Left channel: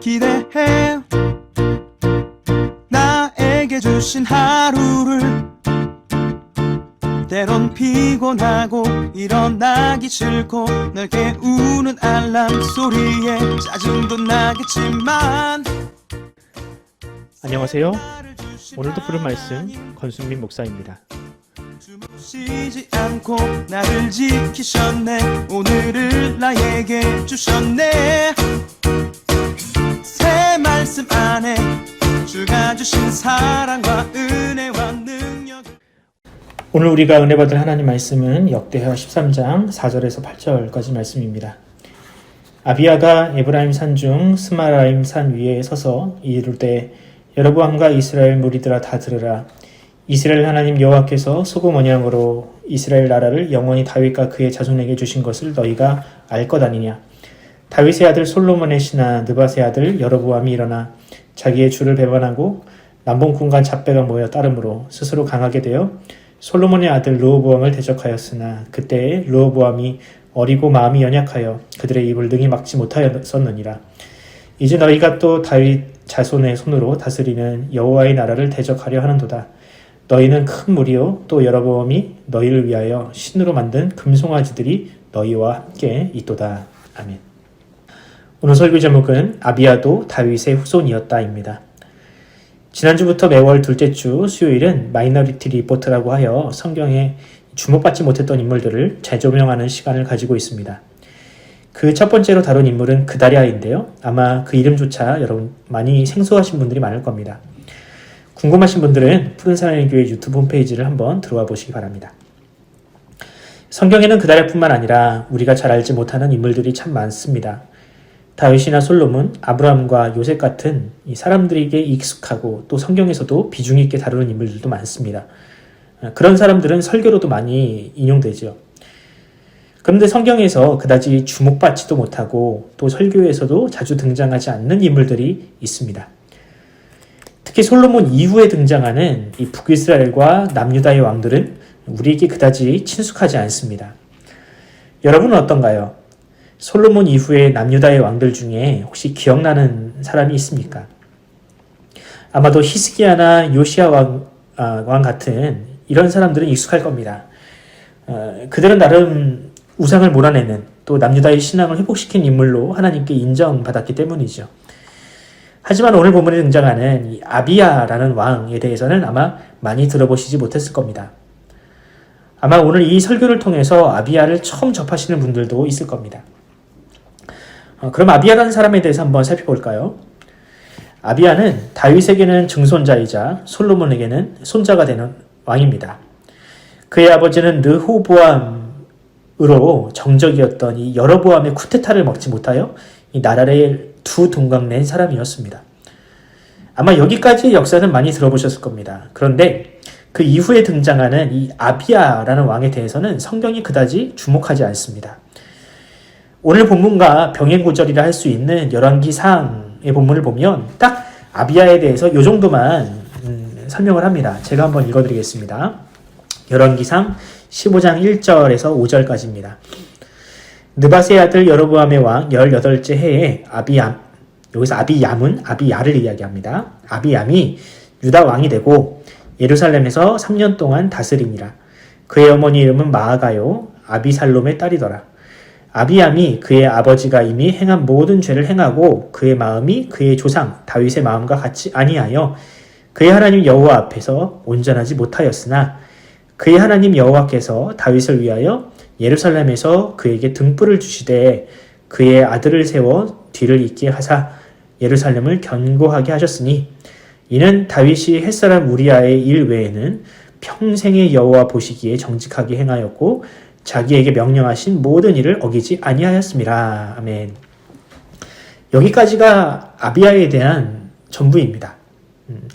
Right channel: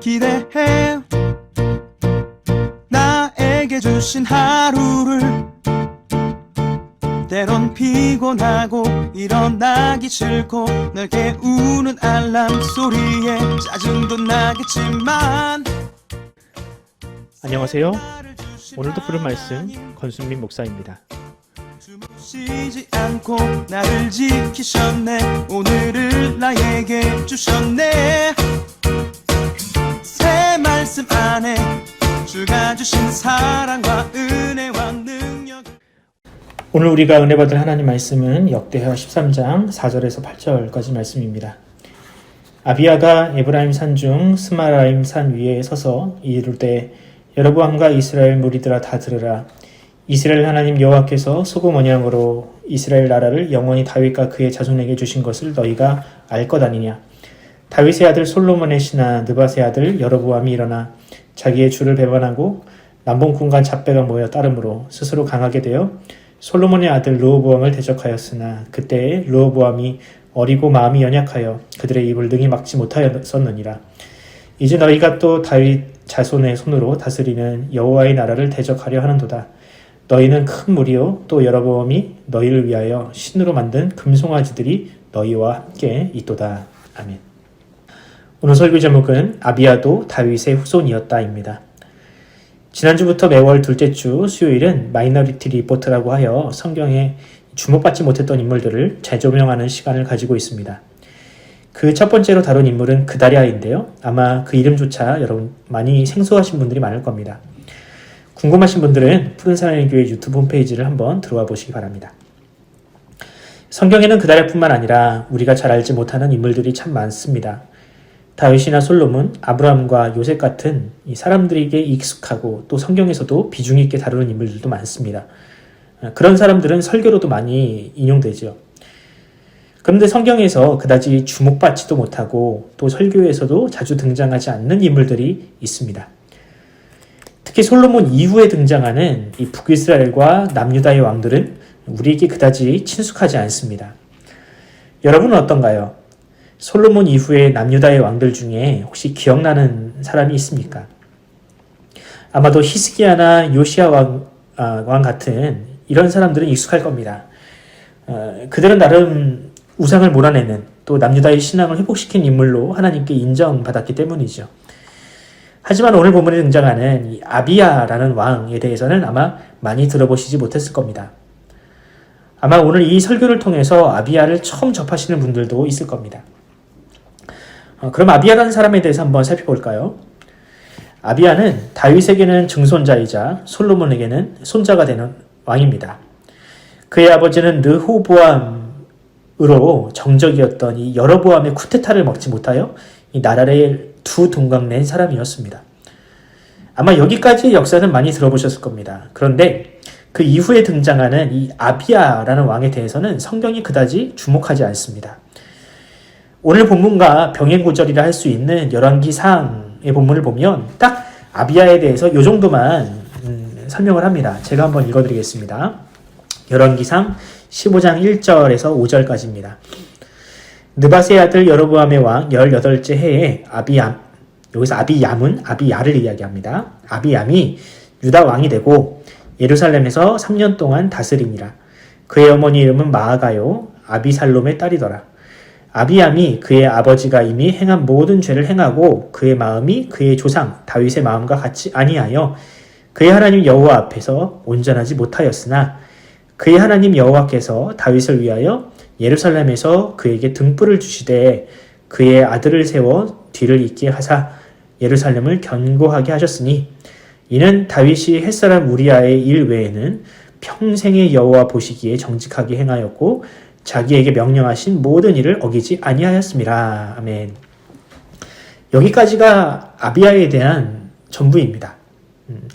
기대해 나에게 주신 하루를 때론 피곤하고 일어나기 싫고 널 깨우는 알람 소리에 짜증도 나겠지만 안녕하세요. 오늘도 부른 말씀 권순민 목사입니다. 쉬지 않고 나를 지키셨네. 오늘을 나에게 주셨네. 새 말씀 안에 주가 주신 사랑과 은혜와 능력. 오늘 우리가 은혜 받을 하나님 말씀은 역대하 13장 4절에서 8절까지 말씀입니다. 아비야가 에브라임 산 중 스마라임 산 위에 서서 이르되 여로보암과 이스라엘 무리들아 다 들으라. 이스라엘 하나님 여호와께서 소금 언약으로 이스라엘 나라를 영원히 다윗과 그의 자손에게 주신 것을 너희가 알 것 아니냐. 다윗의 아들 솔로몬의 신하 느밧의 아들 여로보암이 일어나 자기의 주를 배반하고 남봉꾼과 잡배가 모여 따름으로 스스로 강하게 되어 솔로몬의 아들 르호보암을 대적하였으나 그때에 르호보암이 어리고 마음이 연약하여 그들의 입을 능히 막지 못하였었느니라. 이제 너희가 또 다윗 자손의 손으로 다스리는 여호와의 나라를 대적하려 하는도다. 너희는 큰 무리요 또 여로보암이 너희를 위하여 신으로 만든 금송아지들이 너희와 함께 있도다. 아멘. 오늘 설교 제목은 아비야도 다윗의 후손이었다입니다. 지난주부터 매월 둘째 주 수요일은 마이너리티 리포트라고 하여 성경에 주목받지 못했던 인물들을 재조명하는 시간을 가지고 있습니다. 그 첫 번째로 다룬 인물은 그다랴인데요. 아마 그 이름조차 여러분 많이 생소하신 분들이 많을 겁니다. 궁금하신 분들은 푸른사랑의 교회 유튜브 홈페이지를 한번 들어와 보시기 바랍니다. 성경에는 그다랴뿐만 아니라 우리가 잘 알지 못하는 인물들이 참 많습니다. 다윗이나 솔로몬, 아브라함과 요셉 같은 이 사람들에게 익숙하고 또 성경에서도 비중 있게 다루는 인물들도 많습니다. 그런 사람들은 설교로도 많이 인용되죠. 그런데 성경에서 그다지 주목받지도 못하고 또 설교에서도 자주 등장하지 않는 인물들이 있습니다. 특히 솔로몬 이후에 등장하는 이 북이스라엘과 남유다의 왕들은 우리에게 그다지 친숙하지 않습니다. 여러분은 어떤가요? 솔로몬 이후에 남유다의 왕들 중에 혹시 기억나는 사람이 있습니까? 아마도 히스기야나 요시야 왕 같은 이런 사람들은 익숙할 겁니다. 그들은 나름 우상을 몰아내는 또 남유다의 신앙을 회복시킨 인물로 하나님께 인정받았기 때문이죠. 하지만 오늘 본문에 등장하는 이 아비야라는 왕에 대해서는 아마 많이 들어보시지 못했을 겁니다. 아마 오늘 이 설교를 통해서 아비야를 처음 접하시는 분들도 있을 겁니다. 그럼 아비야라는 사람에 대해서 한번 살펴볼까요? 아비야는 다윗에게는 증손자이자 솔로몬에게는 손자가 되는 왕입니다. 그의 아버지는 르호보암으로 정적이었던 이 여로보암의 쿠데타를 먹지 못하여 이 나라를 두 동강낸 사람이었습니다. 아마 여기까지의 역사는 많이 들어보셨을 겁니다. 그런데 그 이후에 등장하는 이 아비야라는 왕에 대해서는 성경이 그다지 주목하지 않습니다. 오늘 본문과 병행구절이라 할 수 있는 열왕기상의 본문을 보면 딱 아비야에 대해서 이 정도만 설명을 합니다. 제가 한번 읽어드리겠습니다. 열왕기상 15장 1절에서 5절까지입니다. 느밧의 아들 여로보암의 왕 18째 해에 아비얌, 여기서 아비얌은 아비야를 이야기합니다. 아비얌이 유다 왕이 되고 예루살렘에서 3년 동안 다스리니라. 그의 어머니 이름은 마아가요 아비살롬의 딸이더라. 아비얌이 그의 아버지가 이미 행한 모든 죄를 행하고 그의 마음이 그의 조상 다윗의 마음과 같이 아니하여 그의 하나님 여호와 앞에서 온전하지 못하였으나 그의 하나님 여호와께서 다윗을 위하여 예루살렘에서 그에게 등불을 주시되 그의 아들을 세워 뒤를 잇게 하사 예루살렘을 견고하게 하셨으니 이는 다윗이 햇사람 우리아의 일 외에는 평생의 여호와 보시기에 정직하게 행하였고 자기에게 명령하신 모든 일을 어기지 아니하였습니다. 아멘. 여기까지가 아비야에 대한 전부입니다.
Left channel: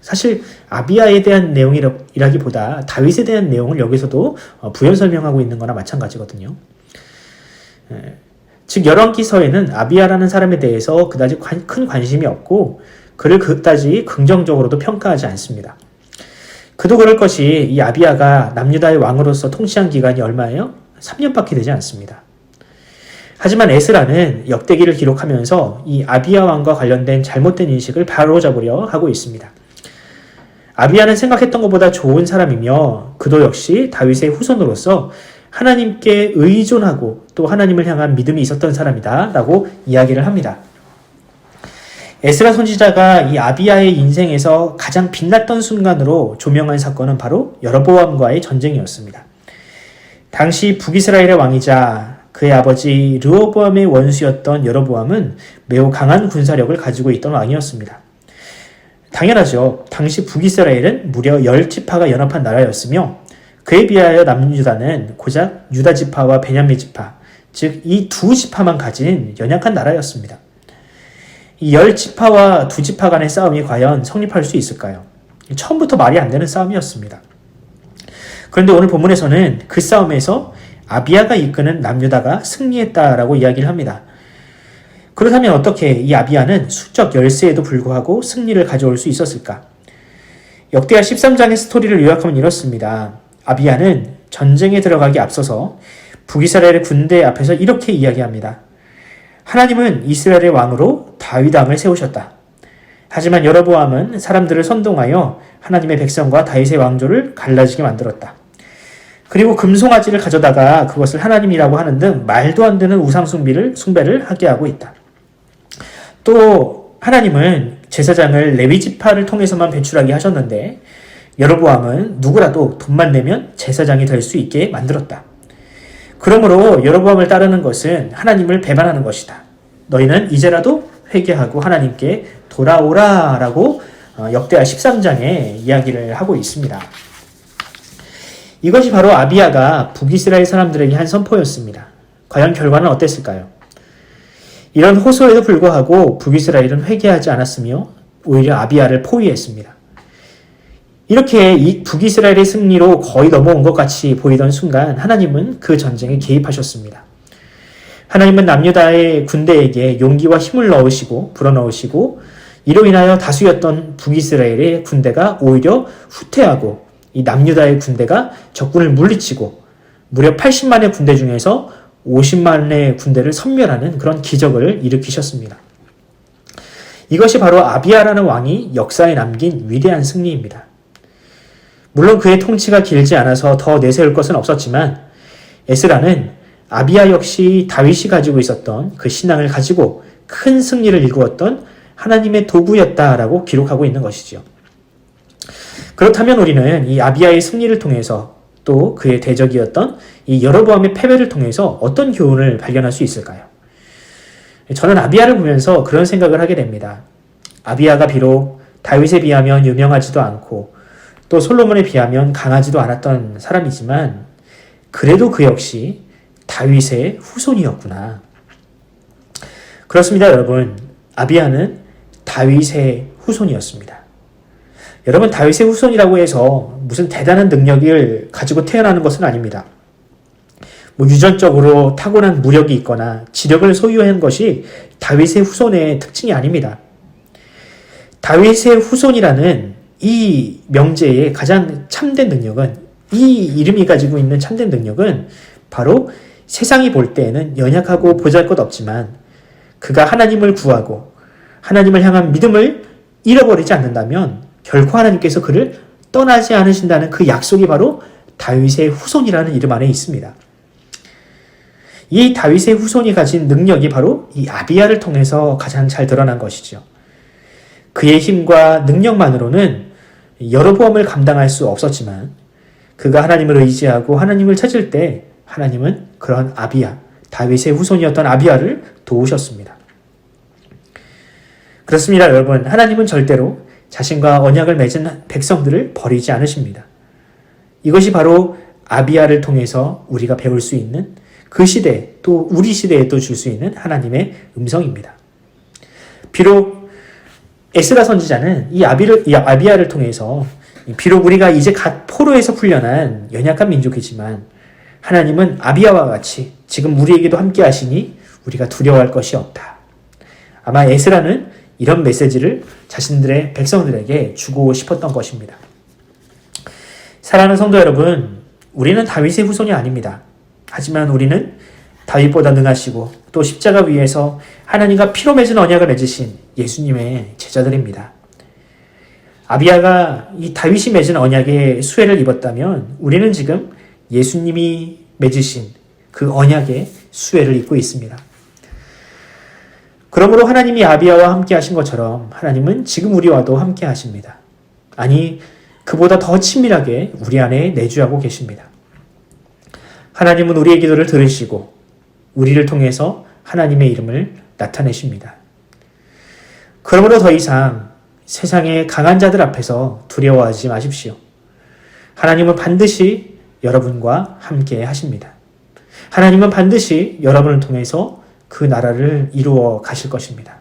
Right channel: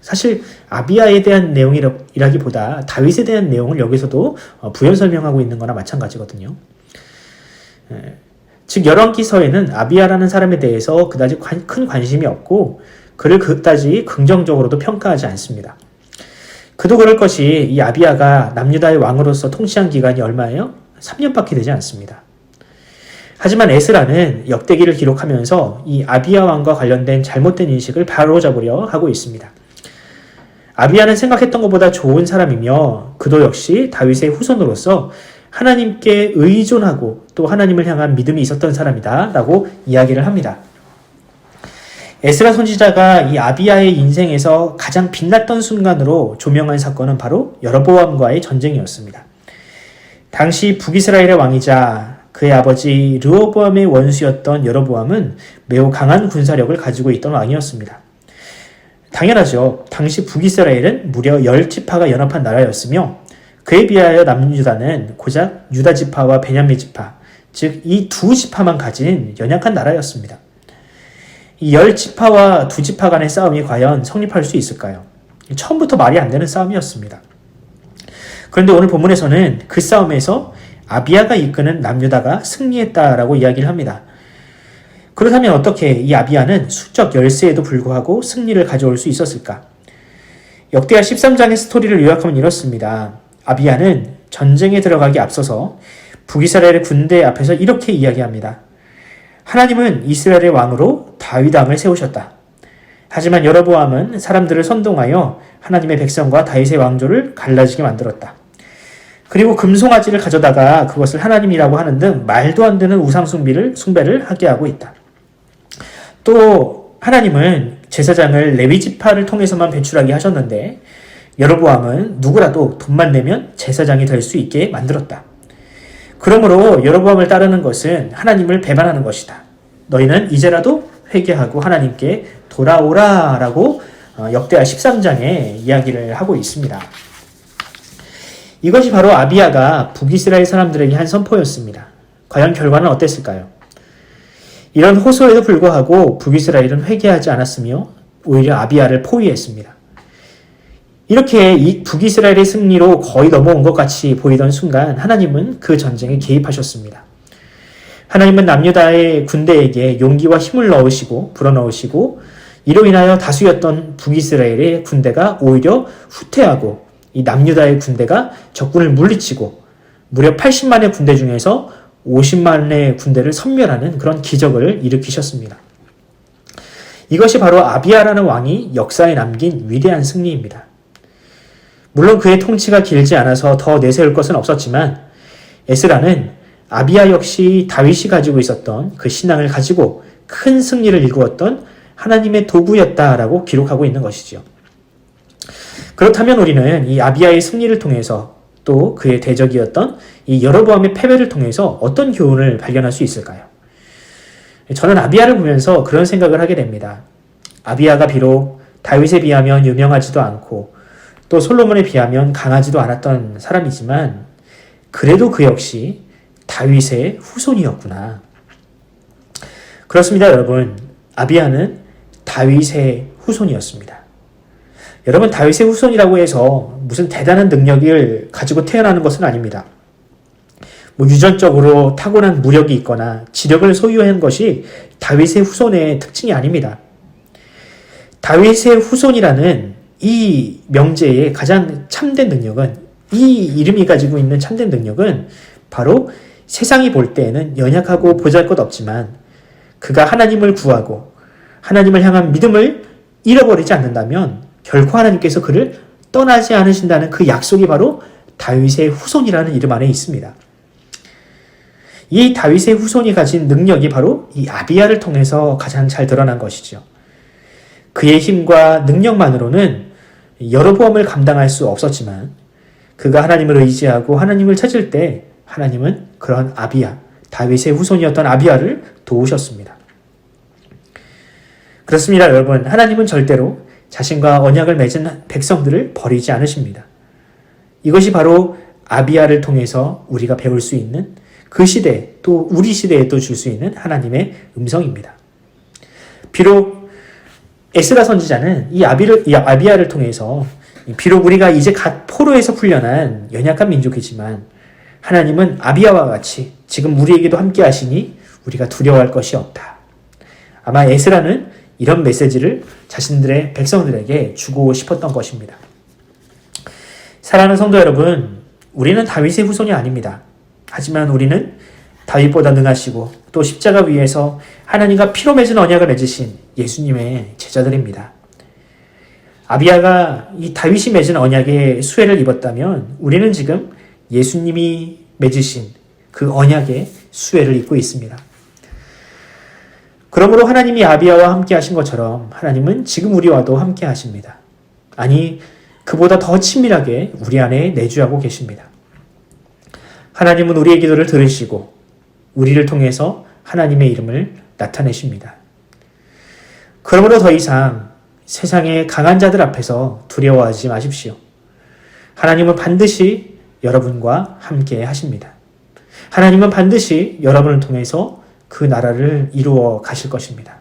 사실 아비야에 대한 내용이라기보다 다윗에 대한 내용을 여기서도 부연 설명하고 있는 거나 마찬가지거든요. 즉 열왕기서에는 아비야라는 사람에 대해서 그다지 큰 관심이 없고 그를 그다지 긍정적으로도 평가하지 않습니다. 그도 그럴 것이 이 아비야가 남유다의 왕으로서 통치한 기간이 얼마예요? 3년밖에 되지 않습니다. 하지만 에스라는 역대기를 기록하면서 이 아비야 왕과 관련된 잘못된 인식을 바로잡으려 하고 있습니다. 아비야는 생각했던 것보다 좋은 사람이며 그도 역시 다윗의 후손으로서 하나님께 의존하고 또 하나님을 향한 믿음이 있었던 사람이다 라고 이야기를 합니다. 에스라 선지자가 이 아비야의 인생에서 가장 빛났던 순간으로 조명한 사건은 바로 여로보암과의 전쟁이었습니다. 당시 북이스라엘의 왕이자 그의 아버지 르호보암의 원수였던 여로보암은 매우 강한 군사력을 가지고 있던 왕이었습니다. 당연하죠. 당시 북이스라엘은 무려 10지파가 연합한 나라였으며 그에 비하여 남유다는 고작 유다 지파와 베냐민 지파, 즉 이 두 지파만 가진 연약한 나라였습니다. 이 10지파와 2지파 간의 싸움이 과연 성립할 수 있을까요? 처음부터 말이 안 되는 싸움이었습니다. 그런데 오늘 본문에서는 그 싸움에서 아비야가 이끄는 남유다가 승리했다라고 이야기를 합니다. 그렇다면 어떻게 이 아비야는 수적 열세에도 불구하고 승리를 가져올 수 있었을까? 역대하 13장의 스토리를 요약하면 이렇습니다. 아비야는 전쟁에 들어가기 앞서서 북이스라엘의 군대 앞에서 이렇게 이야기합니다. 하나님은 이스라엘의 왕으로 다윗 왕을 세우셨다. 하지만 여로보암은 사람들을 선동하여 하나님의 백성과 다윗의 왕조를 갈라지게 만들었다. 그리고 금송아지를 가져다가 그것을 하나님이라고 하는 등 말도 안 되는 우상 숭배를 하게 하고 있다. 또 하나님은 제사장을 레위 지파를 통해서만 배출하게 하셨는데 여로보암은 누구라도 돈만 내면 제사장이 될 수 있게 만들었다. 그러므로 여로보암을 따르는 것은 하나님을 배반하는 것이다. 너희는 이제라도 회개하고 하나님께 돌아오라 라고 역대하 13장에 이야기를 하고 있습니다. 이것이 바로 아비야가 북이스라엘 사람들에게 한 선포였습니다. 과연 결과는 어땠을까요? 이런 호소에도 불구하고 북이스라엘은 회개하지 않았으며 오히려 아비야를 포위했습니다. 이렇게 이 북이스라엘의 승리로 거의 넘어온 것 같이 보이던 순간 하나님은 그 전쟁에 개입하셨습니다. 하나님은 남유다의 군대에게 용기와 힘을 넣으시고 불어넣으시고 이로 인하여 다수였던 북이스라엘의 군대가 오히려 후퇴하고 이 남유다의 군대가 적군을 물리치고 무려 80만의 군대 중에서 50만의 군대를 섬멸하는 그런 기적을 일으키셨습니다. 이것이 바로 아비야라는 왕이 역사에 남긴 위대한 승리입니다. 물론 그의 통치가 길지 않아서 더 내세울 것은 없었지만 에스라는 아비야 역시 다윗이 가지고 있었던 그 신앙을 가지고 큰 승리를 이루었던 하나님의 도구였다라고 기록하고 있는 것이죠. 그렇다면 우리는 이 아비야의 승리를 통해서 또 그의 대적이었던 이 여로보암의 패배를 통해서 어떤 교훈을 발견할 수 있을까요? 저는 아비야를 보면서 그런 생각을 하게 됩니다. 아비야가 비록 다윗에 비하면 유명하지도 않고 또 솔로몬에 비하면 강하지도 않았던 사람이지만 그래도 그 역시 다윗의 후손이었구나. 그렇습니다, 여러분. 아비야는 다윗의 후손이었습니다. 여러분, 다윗의 후손이라고 해서 무슨 대단한 능력을 가지고 태어나는 것은 아닙니다. 유전적으로 타고난 무력이 있거나 지력을 소유한 것이 다윗의 후손의 특징이 아닙니다. 다윗의 후손이라는 이 명제의 가장 참된 능력은, 이 이름이 가지고 있는 참된 능력은 바로 세상이 볼 때에는 연약하고 보잘것없지만 그가 하나님을 구하고 하나님을 향한 믿음을 잃어버리지 않는다면 결코 하나님께서 그를 떠나지 않으신다는 그 약속이 바로 다윗의 후손이라는 이름 안에 있습니다. 이 다윗의 후손이 가진 능력이 바로 이 아비야를 통해서 가장 잘 드러난 것이죠. 그의 힘과 능력만으로는 여로보암을 감당할 수 없었지만 그가 하나님을 의지하고 하나님을 찾을 때 하나님은 그런 아비야, 다윗의 후손이었던 아비야를 도우셨습니다. 그렇습니다, 여러분. 하나님은 절대로 자신과 언약을 맺은 백성들을 버리지 않으십니다. 이것이 바로 아비야를 통해서 우리가 배울 수 있는 그 시대, 또 우리 시대에도 줄 수 있는 하나님의 음성입니다. 비록 에스라 선지자는 이 아비야를 통해서 비록 우리가 이제 갓 포로에서 풀려난 연약한 민족이지만 하나님은 아비야와 같이 지금 우리에게도 함께 하시니 우리가 두려워할 것이 없다. 아마 에스라는 이런 메시지를 자신들의 백성들에게 주고 싶었던 것입니다. 사랑하는 성도 여러분, 우리는 다윗의 후손이 아닙니다. 하지만 우리는 다윗보다 능하시고 또 십자가 위에서 하나님과 피로 맺은 언약을 맺으신 예수님의 제자들입니다. 아비야가 이 다윗이 맺은 언약의 수혜를 입었다면 우리는 지금 예수님이 맺으신 그 언약의 수혜를 입고 있습니다. 그러므로 하나님이 아비야와 함께 하신 것처럼 하나님은 지금 우리와도 함께 하십니다. 아니, 그보다 더 친밀하게 우리 안에 내주하고 계십니다. 하나님은 우리의 기도를 들으시고 우리를 통해서 하나님의 이름을 나타내십니다. 그러므로 더 이상 세상의 강한 자들 앞에서 두려워하지 마십시오. 하나님은 반드시 여러분과 함께 하십니다. 하나님은 반드시 여러분을 통해서 그 나라를 이루어 가실 것입니다.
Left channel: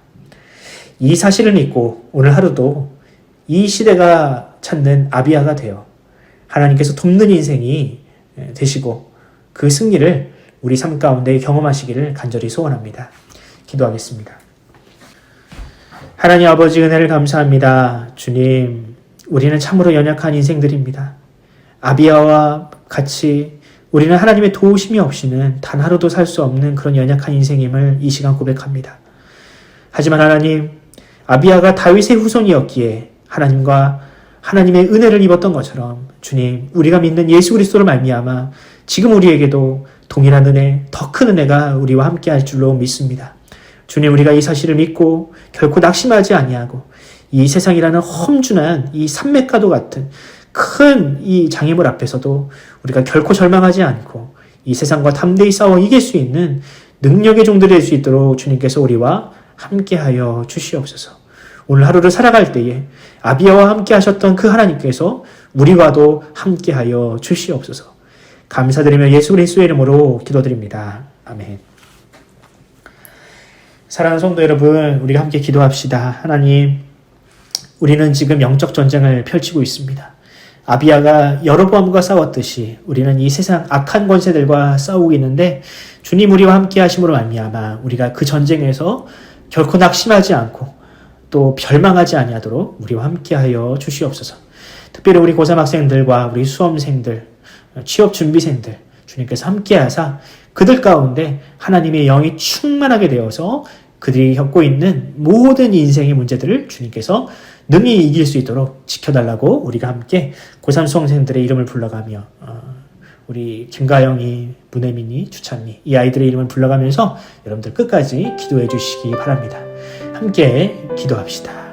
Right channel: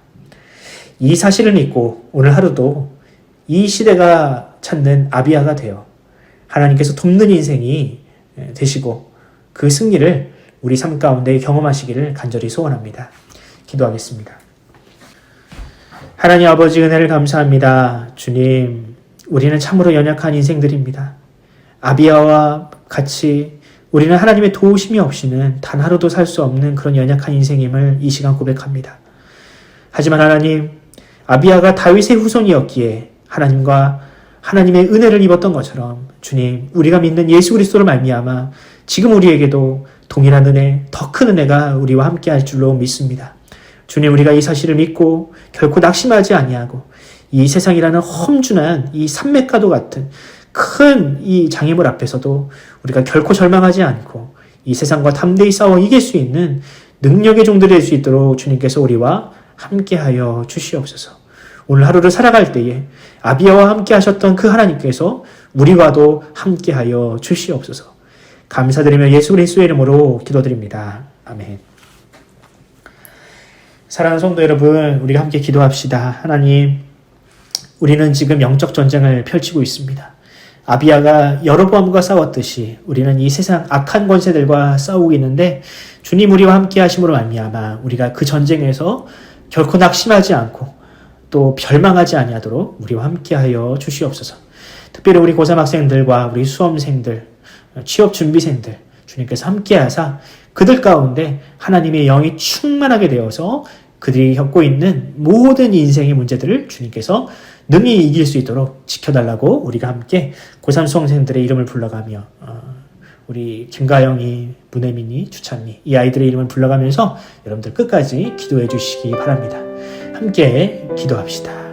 이 사실을 믿고 오늘 하루도 이 시대가 찾는 아비야가 되어 하나님께서 돕는 인생이 되시고 그 승리를 우리 삶 가운데 경험하시기를 간절히 소원합니다. 기도하겠습니다. 하나님 아버지 은혜를 감사합니다. 주님, 우리는 참으로 연약한 인생들입니다. 아비야와 같이 우리는 하나님의 도우심이 없이는 단 하루도 살 수 없는 그런 연약한 인생임을 이 시간 고백합니다. 하지만 하나님, 아비야가 다윗의 후손이었기에 하나님과 하나님의 은혜를 입었던 것처럼 주님, 우리가 믿는 예수 그리스도를 말미암아 지금 우리에게도 동일한 은혜, 더 큰 은혜가 우리와 함께 할 줄로 믿습니다. 주님, 우리가 이 사실을 믿고 결코 낙심하지 아니하고 이 세상이라는 험준한 이 산맥과도 같은 큰 이 장애물 앞에서도 우리가 결코 절망하지 않고 이 세상과 담대히 싸워 이길 수 있는 능력의 종들이 될 수 있도록 주님께서 우리와 함께하여 주시옵소서. 오늘 하루를 살아갈 때에 아비야와 함께 하셨던 그 하나님께서 우리와도 함께하여 주시옵소서. 감사드리며 예수 그리스도의 이름으로 기도드립니다. 아멘. 사랑하는 성도 여러분, 우리가 함께 기도합시다. 하나님, 우리는 지금 영적 전쟁을 펼치고 있습니다. 아비야가 여로보암과 싸웠듯이 우리는 이 세상 악한 권세들과 싸우고 있는데 주님 우리와 함께 하심으로 말미암아 우리가 그 전쟁에서 결코 낙심하지 않고 또 절망하지 아니하도록 우리와 함께하여 주시옵소서. 특별히 우리 고3 학생들과 우리 수험생들, 취업 준비생들 주님께서 함께하사 그들 가운데 하나님의 영이 충만하게 되어서 그들이 겪고 있는 모든 인생의 문제들을 주님께서 능히 이길 수 있도록 지켜달라고 우리가 함께 고3 수험생들의 이름을 불러가며 우리 김가영이, 문혜민이, 주찬이 이 아이들의 이름을 불러가면서 여러분들 끝까지 기도해 주시기 바랍니다. 함께 기도합시다.